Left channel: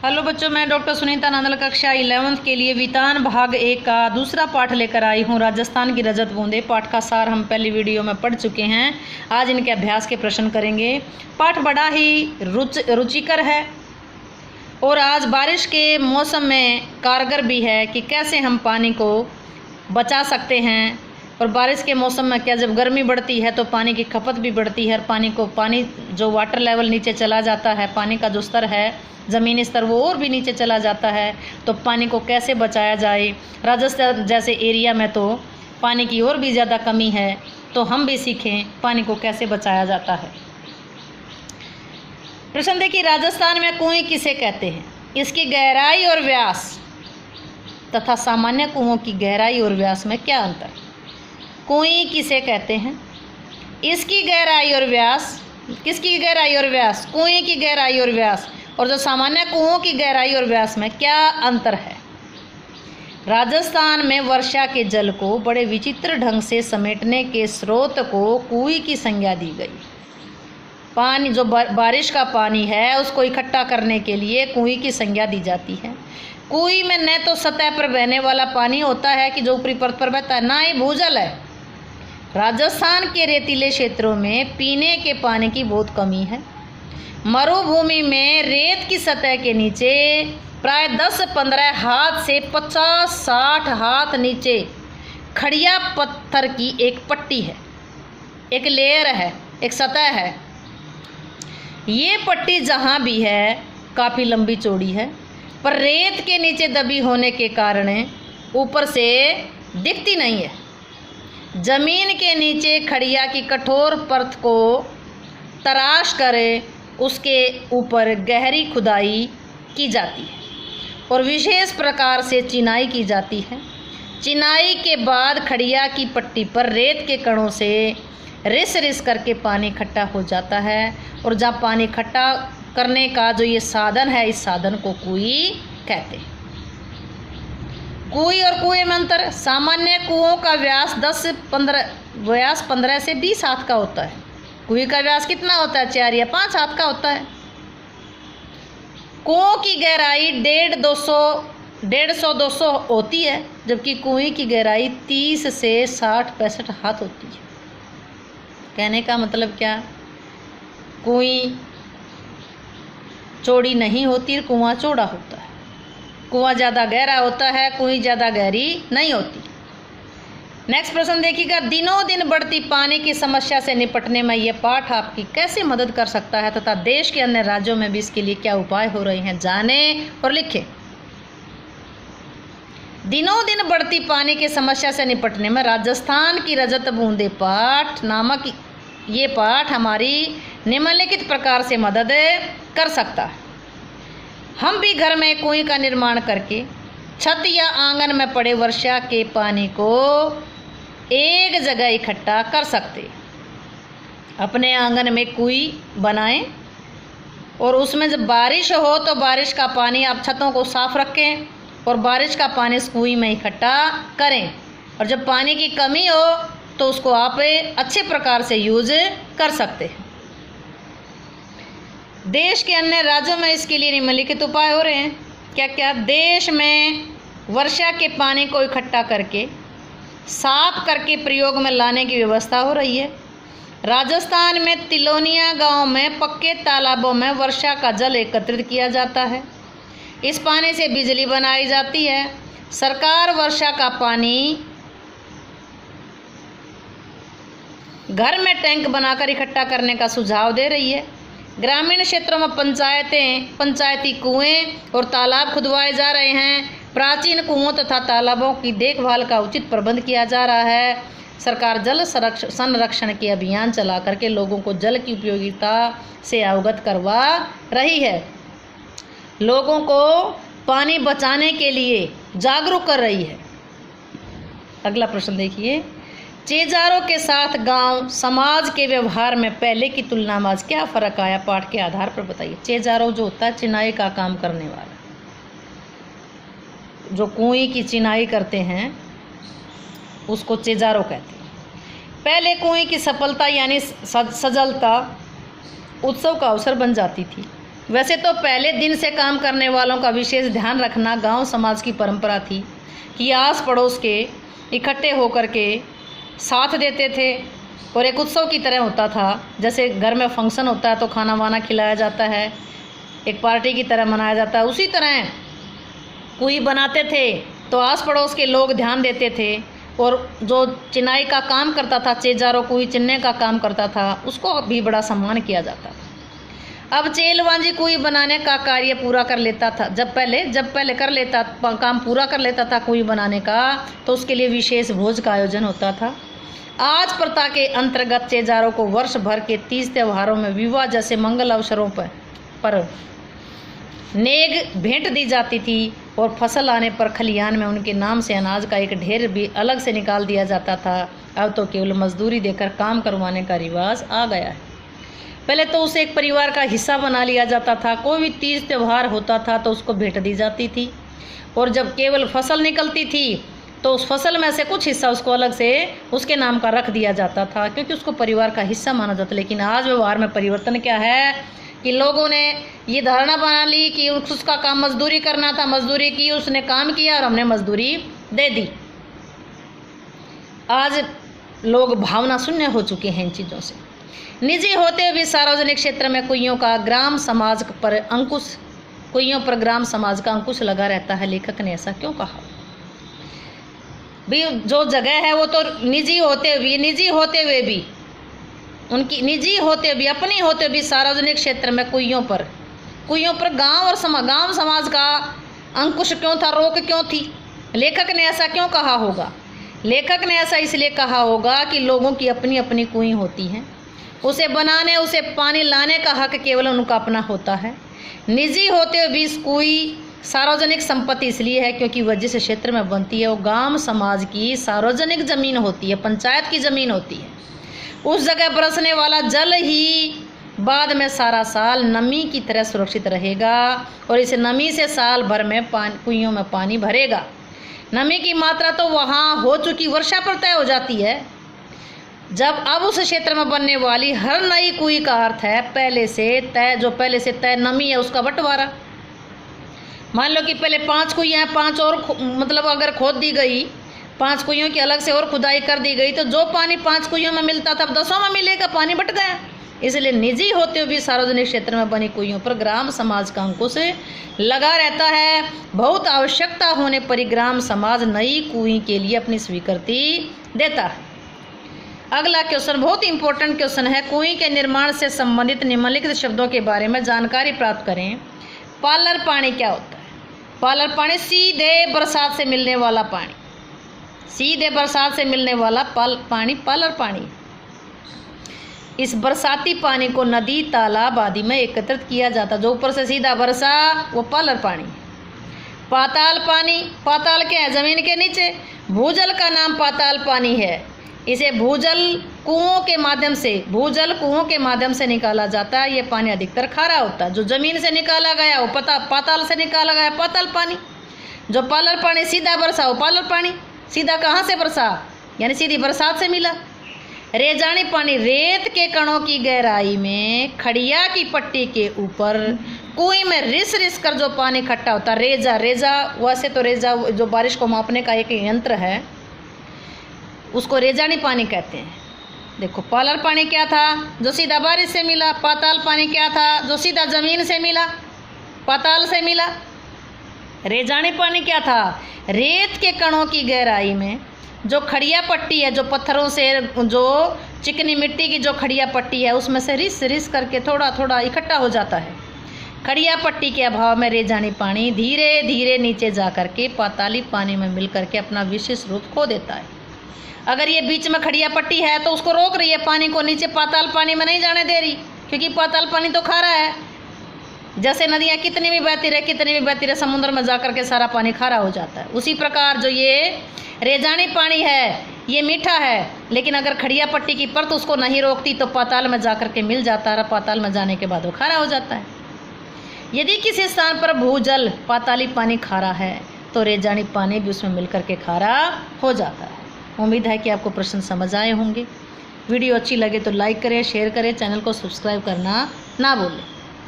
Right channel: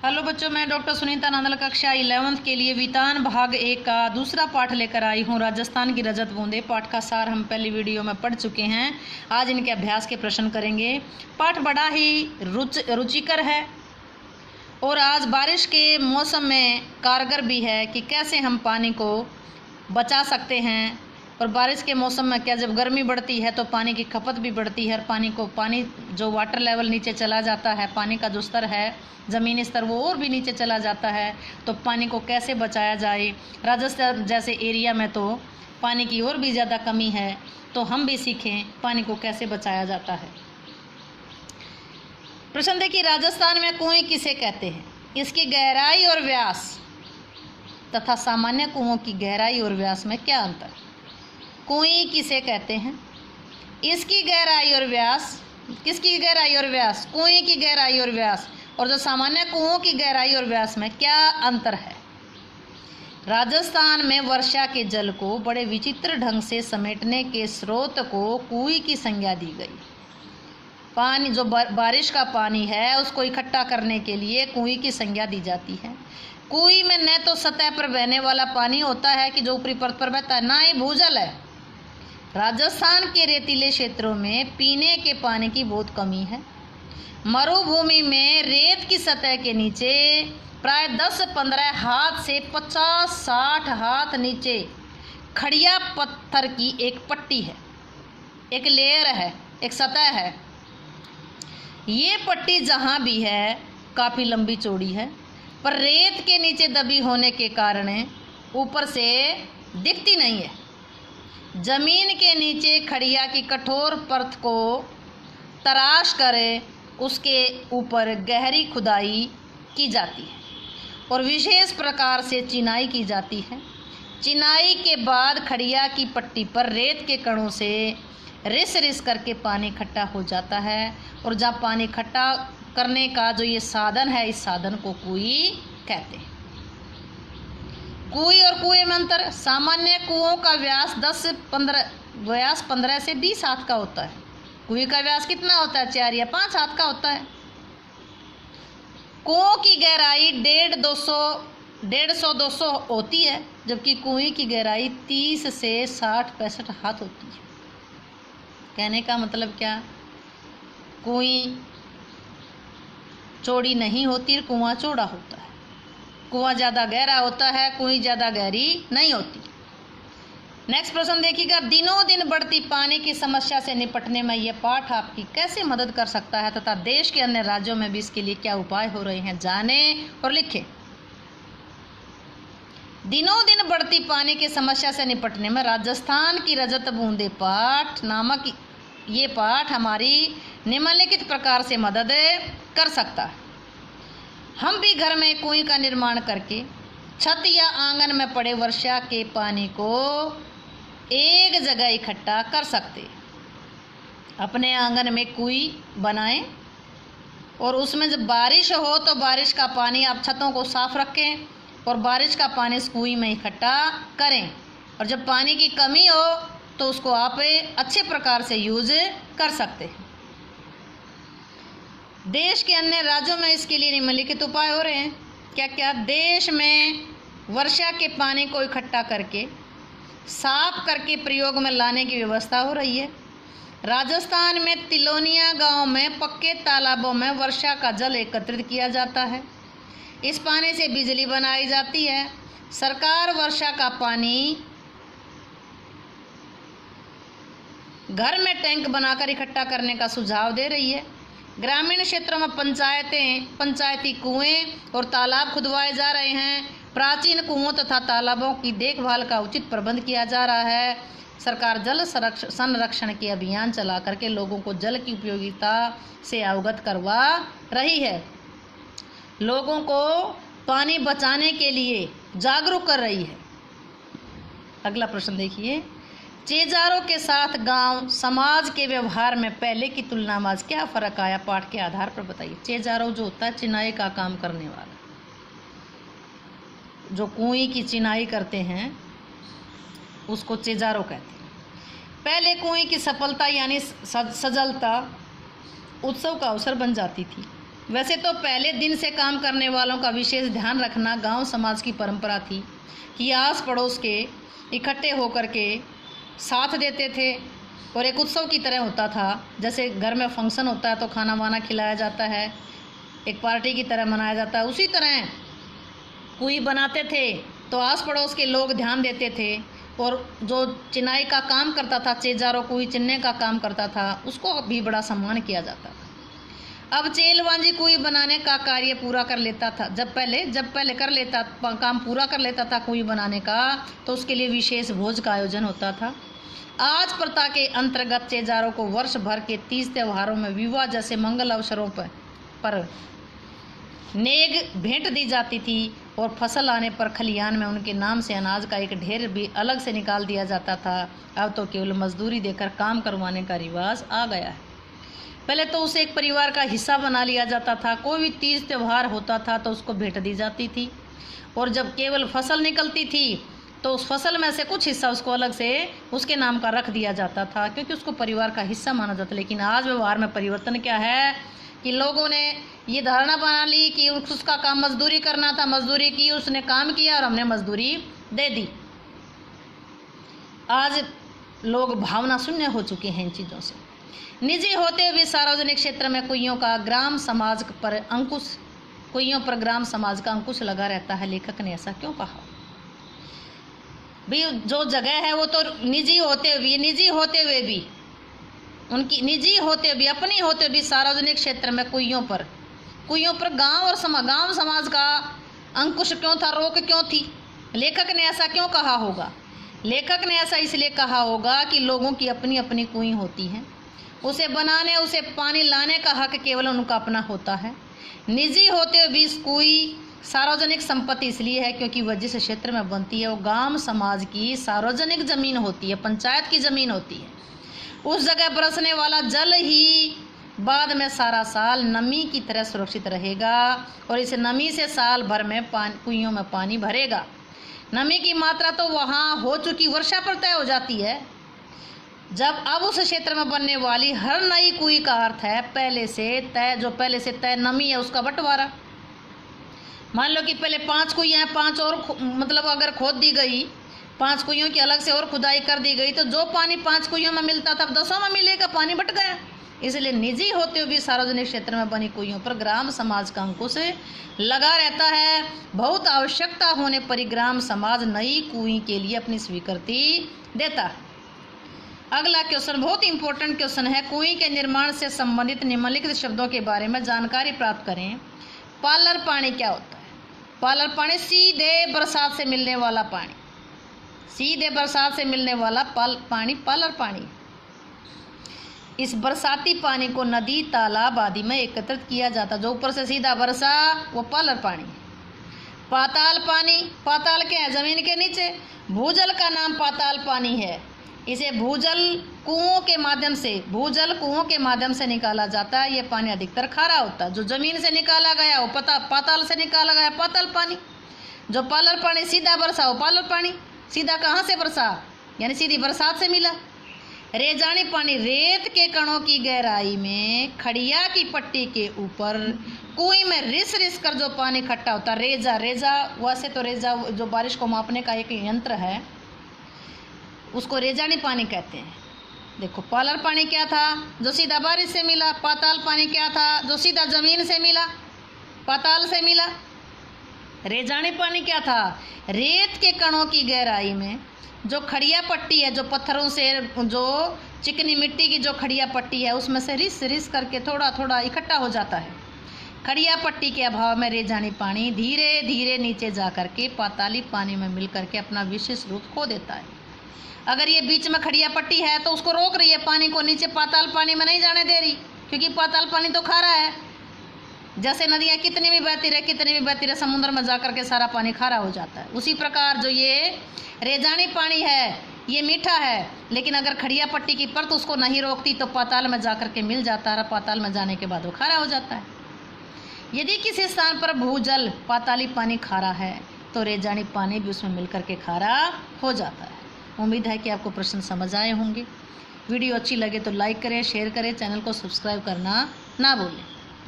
Hello बच्चों, मैं doctor Sunita Nandal कक्षा 11th के लिए वितान भाग 1 का दूसरा पाठ लेकर आई हूँ। राजस्थान की रजत बूंदे पाठ का सार हम पहली वीडियो में पढ़ चुके हैं। आज इनके अभ्यास के प्रश्न करेंगे। पाठ बड़ा ही रुचिकर है और आज बारिश के मौसम में कारगर भी है कि कैसे हम पानी को बचा सकते हैं। और बारिश के मौसम में क्या, जब गर्मी बढ़ती है तो पानी की खपत भी बढ़ती है और पानी जो वाटर लेवल नीचे चला जाता है, पानी का जो स्तर है ज़मीनी स्तर वो और भी नीचे चला जाता है। तो पानी को कैसे बचाया जाए। राजस्थान जैसे एरिया में तो पानी की और भी ज़्यादा कमी है, तो हम भी सीखें पानी को कैसे बचाया जाता है। प्रश्न देखिए, राजस्थान में कुएं किसे कहते हैं? इसकी गहराई और व्यास तथा सामान्य कुओं की गहराई और व्यास में क्या अंतर? कुएं किसे कहते हैं? इसकी गहराई और व्यास, किसकी गहराई और व्यास? कुएं की गहराई और व्यास। और जो सामान्य कुओं की गहराई और व्यास में क्या अंतर है? राजस्थान में वर्षा के जल को बड़े विचित्र ढंग से समेटने के स्रोत को कुएं की संज्ञा दी गई। पानी जो बारिश का पानी है उसको इकट्ठा करने के लिए कुएं की संज्ञा दी जाती है। कुएं में न तो सतह पर बहने वाला पानी होता है कि जो ऊपरी परत पर बहता है, ना ही भूजल है। राजस्थान के रेतीले क्षेत्रों में पीने के पानी की बहुत कमी है। मरुभूमि में रेत की सतह के नीचे प्राय 10-15 हाथ से 50-60 हाथ नीचे खड़िया पत्थर की एक पट्टी है, एक लेयर है, एक सतह है। ये पट्टी जहाँ भी है काफ़ी लंबी चौड़ी है, पर रेत के नीचे दबी होने के कारण ऊपर से दिखती नहीं है। जमीन के नीचे खड़िया की कठोर परत को तराश कर उसके ऊपर गहरी खुदाई की जाती है और विशेष प्रकार से चिनाई की जाती है। चिनाई के बाद खड़िया की पट्टी पर रेत के कणों से रिस रिस करके पानी इकट्ठा हो जाता है। और जब पानी इकट्ठा करने का जो ये साधन है, इस साधन को कुएं कहते हैं। कुएं और कुएं में अंतर। सामान्य कुओं का व्यास 15 से 20 हाथ का होता है। कुएं का व्यास कितना होता है? 4 या 5 हाथ का होता है। कुओं की गहराई 150-200 होती है, जबकि कुएं की गहराई 30 से 60-65 हाथ होती है। कहने का मतलब क्या? कुएं चौड़ी नहीं होती, कुआं चौड़ा होता है। कुआं ज़्यादा गहरा होता है, कुएं ज़्यादा गहरी नहीं होती। नेक्स्ट प्रश्न देखिएगा, दिनों दिन बढ़ती पानी की समस्या से निपटने में यह पाठ आपकी कैसे मदद कर सकता है तथा देश के अन्य राज्यों में भी इसके लिए क्या उपाय हो रहे हैं, जानें और लिखें। दिनों दिन बढ़ती पानी की समस्या से निपटने में राजस्थान की रजत बूंदे पाठ नामक ये पाठ हमारी निम्नलिखित प्रकार से मदद कर सकता है। हम भी घर में कुएं का निर्माण करके छत या आंगन में पड़े वर्षा के पानी को एक जगह इकट्ठा कर सकते। अपने आंगन में कुएं बनाएं और उसमें जब बारिश हो तो बारिश का पानी आप छतों को साफ रखें और बारिश का पानी इस कुएं में इकट्ठा करें। और जब पानी की कमी हो तो उसको आप अच्छे प्रकार से यूज कर सकते हैं। देश के अन्य राज्यों में इसके लिए निम्नलिखित उपाय हो रहे हैं। क्या क्या? देश में वर्षा के पानी को इकट्ठा करके साफ करके प्रयोग में लाने की व्यवस्था हो रही है। राजस्थान में तिलोनिया गांव में पक्के तालाबों में वर्षा का जल एकत्रित किया जाता है। इस पानी से बिजली बनाई जाती है। सरकार वर्षा का पानी घर में टैंक बनाकर इकट्ठा करने का सुझाव दे रही है। ग्रामीण क्षेत्रों में पंचायती कुएं और तालाब खुदवाए जा रहे हैं। प्राचीन कुओं तथा तालाबों की देखभाल का उचित प्रबंध किया जा रहा है। सरकार जल संरक्षण के अभियान चला करके लोगों को जल की उपयोगिता से अवगत करवा रही है। लोगों को पानी बचाने के लिए जागरूक कर रही है। अगला प्रश्न देखिए, चेजारों के साथ गांव समाज के व्यवहार में पहले की तुलना में आज क्या फर्क आया? पाठ के आधार पर बताइए। चेजारों जो होता है चिनाई का काम करने वाला, जो कुएं की चिनाई करते हैं उसको चेजारों कहते हैं। पहले कुएं की सफलता यानी सजलता उत्सव का अवसर बन जाती थी। वैसे तो पहले दिन से काम करने वालों का विशेष ध्यान रखना गांव समाज की परंपरा थी कि आस पड़ोस के इकट्ठे होकर के साथ देते थे और एक उत्सव की तरह होता था। जैसे घर में फंक्शन होता है तो खाना वाना खिलाया जाता है, एक पार्टी की तरह मनाया जाता है, उसी तरह कुई बनाते थे तो आस पड़ोस के लोग ध्यान देते थे और जो चिनाई का काम करता था, चेजारो कुई चिन्ने का काम करता था, उसको भी बड़ा सम्मान किया जाता था। अब चेलवांजी कुई बनाने का कार्य पूरा कर लेता था। जब पहले कर लेता काम पूरा कर लेता था कुई बनाने का, तो उसके लिए विशेष भोज का आयोजन होता था। आज प्रथा के अंतर्गत चेजारों को वर्ष भर के 30 त्योहारों में, विवाह जैसे मंगल अवसरों पर नेग भेंट दी जाती थी और फसल आने पर खलियान में उनके नाम से अनाज का एक ढेर भी अलग से निकाल दिया जाता था। अब तो केवल मजदूरी देकर काम करवाने का रिवाज आ गया है। पहले तो उसे एक परिवार का हिस्सा बना लिया जाता था। कोई भी तीज त्यौहार होता था तो उसको भेंट दी जाती थी, और जब केवल फसल निकलती थी तो उस फसल में से कुछ हिस्सा उसको अलग से उसके नाम का रख दिया जाता था, क्योंकि उसको परिवार का हिस्सा माना जाता। लेकिन आज व्यवहार में परिवर्तन क्या है कि लोगों ने ये धारणा बना ली कि उसका काम मजदूरी करना था, मजदूरी की, उसने काम किया और हमने मजदूरी दे दी। आज लोग भावना शून्य हो चुके हैं इन चीज़ों से। निजी होते हुए सार्वजनिक क्षेत्र में कुइयों पर ग्राम समाज का अंकुश लगा रहता है। लेखक ने ऐसा क्यों कहा? भी जो जगह है वो तो निजी होते हुए भी उनकी निजी होते भी, अपनी होते भी सार्वजनिक क्षेत्र में कुइयों पर गांव समाज का अंकुश क्यों था, रोक क्यों थी? लेखक ने ऐसा क्यों कहा होगा? लेखक ने ऐसा इसलिए कहा होगा कि लोगों की अपनी अपनी कुएं होती हैं, उसे बनाने, उसे पानी लाने का हक केवल उनका अपना होता है। निजी होते हुए भी कुई सार्वजनिक संपत्ति इसलिए है क्योंकि वह जिस क्षेत्र में बनती है वो गांव समाज की सार्वजनिक जमीन होती है, पंचायत की जमीन होती है। उस जगह बरसने वाला जल ही बाद में सारा साल नमी की तरह सुरक्षित रहेगा और इस नमी से साल भर में कुइयों में पानी भरेगा। नमी की मात्रा तो वहाँ हो चुकी वर्षा पर तय हो जाती है। जब अब उस क्षेत्र में बनने वाली हर नई कुई का अर्थ है पहले से तय नमी है उसका बंटवारा। मान लो कि पहले 5 कुइयाँ हैं, 5 और मतलब अगर खोद दी गई, 5 कुइयों की अलग से और खुदाई कर दी गई तो जो पानी 5 कुइयों में मिलता था अब 10 में मिलेगा, पानी बट गया। इसलिए निजी होते हुए भी सार्वजनिक क्षेत्र में बनी कुइयों पर ग्राम समाज का अंकुश लगा रहता है। बहुत आवश्यकता होने पर ग्राम समाज नई कुई के लिए अपनी स्वीकृति देता है। अगला क्वेश्चन बहुत इंपॉर्टेंट क्वेश्चन है। कुई के निर्माण से संबंधित निम्नलिखित शब्दों के बारे में जानकारी प्राप्त करें। पालर पानी क्या होता है? पालर पानी सीधे बरसात से मिलने वाला पानी, सीधे बरसात से मिलने वाला पानी पालर पानी। इस बरसाती पानी को नदी, तालाब आदि में एकत्रित किया जाता, जो ऊपर से सीधा बरसा वो पालर पानी। पाताल पानी, पाताल क्या है? जमीन के नीचे। भूजल का नाम पाताल पानी है। इसे भूजल कुओं के माध्यम से निकाला जाता है। ये पानी अधिकतर खारा होता है। जो जमीन से निकाला गया वो पाताल से निकाला गया पाताल पानी। जो पालर पानी सीधा बरसा वो पालर पानी। सीधा कहाँ से बरसा? यानी सीधी बरसात से मिला। रेजानी पानी, रेत के कणों की गहराई में खड़िया की पट्टी के ऊपर कुएं में रिस कर जो पानी इकट्ठा होता है। रेजा वैसे तो रेजा जो बारिश को मापने का एक यंत्र है, उसको रेजानी पानी कहते हैं। देखो, पालर पानी क्या था? जो सीधा बारिश से मिला। पाताल पानी क्या था? जो सीधा जमीन से मिला, पाताल से मिला। रेजानी पानी क्या था? रेत के कणों की गहराई में जो खड़िया पट्टी है, जो पत्थरों से, जो चिकनी मिट्टी की जो खड़िया पट्टी है, उसमें से रिस करके थोड़ा थोड़ा इकट्ठा हो जाता है। खड़िया पट्टी के अभाव में रेजानी पानी धीरे धीरे नीचे जा करके पाताली पानी में मिल करके अपना विशेष रूप खो देता है। अगर ये बीच में खड़िया पट्टी है तो उसको रोक रही है, पानी को नीचे पाताल पानी में नहीं जाने दे रही, क्योंकि पाताल पानी तो खारा है। जैसे नदियाँ कितनी भी बहती रहे समुद्र में जाकर के सारा पानी खारा हो जाता है। उसी प्रकार जो ये रेजानी पानी है ये मीठा है, लेकिन अगर खड़िया पट्टी की परत उसको नहीं रोकती तो पाताल में जाकर के मिल जाता है। पाताल में जाने के बाद वो खारा हो जाता है। यदि किसी स्थान पर भूजल पाताली पानी खारा है तो रेजानी पानी भी उसमें मिल करके खारा हो जाता है। उम्मीद है कि आपको प्रश्न समझ आए होंगे। वीडियो अच्छी लगे तो लाइक करें, शेयर करें, चैनल को सब्सक्राइब करना ना भूलें।